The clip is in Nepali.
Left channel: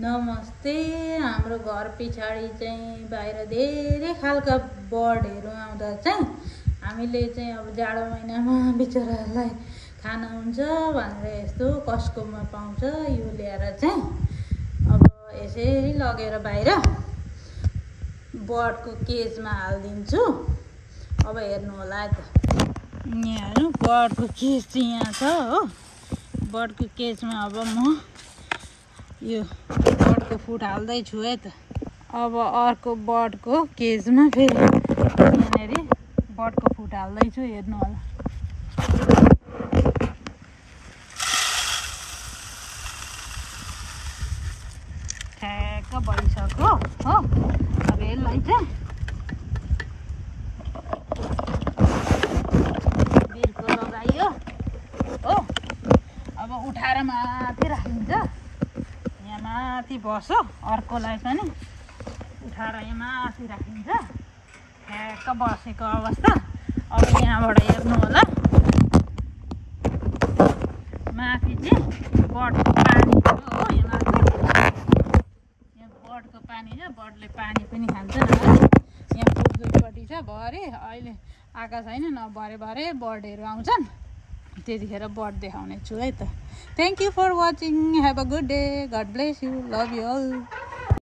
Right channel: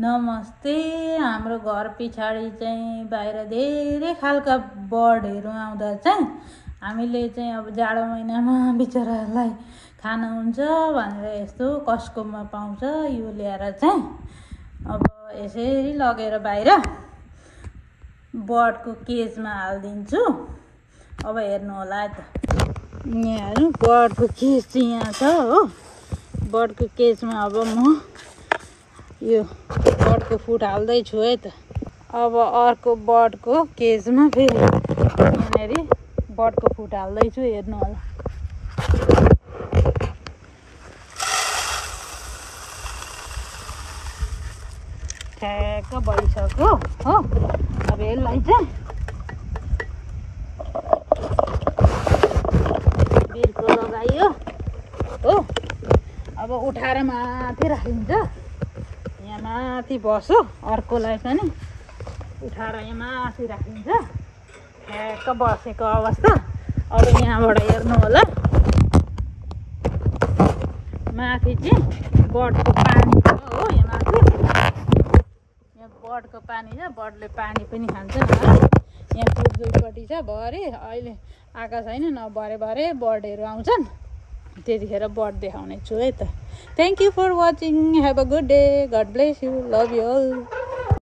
नमस्ते। हाम्रो घर पछाडि चाहिँ बाहिर धेरै खालका बर्डहरू आउँदा चाहिँ हामीले चाहिँ अब जाडो महिनामा बिचरालाई खाना हुन्छ भनेर यस्तो कस्कोमा पाउँछ यो ल्याएर चाहिँ अब यसरी लगेर बाहिर बर्डको केजमा हालिदिन्छु। अब हेर्नु होला त, यहाँ बर्डको केज चाहिँ यहाँ छ हो। बर्डको केजमा अब म यो बर्डको फुड हाल्दैछु है त। अब अर्को बर्डको केजमा फेरि यहाँनिर बर्डको फुड हाल्दैछु, हेर्नु होला। ठ्याक्क भइसक्यो हो। अब यसलाई चाहिँ बिर्को लगाइयो हो। अब उठाएर माथि राखिन्छ, यहाँ माथि बस्यो। अर्कोलाई चाहिँ उठाएर यहाँ माथि राखिन्छ, ठ्याक्क बसेको अवस्था। अब यहाँबाट हेर्नु होला, माथि चाहिँ बर्डको पानी छ हो। यहाँ माथि यहाँ बर्डको पानी छ, बर्डले पानी पनि खान्छन्। यहाँ दुईपट्टि छ भरे, अहिले आएको छैन न, भरे भरे बर्डहरू आउँछन्, त्यतिखेर बर्ड देखाउने छु है त। Thank you for watching, have a good day, God bless you, love you all.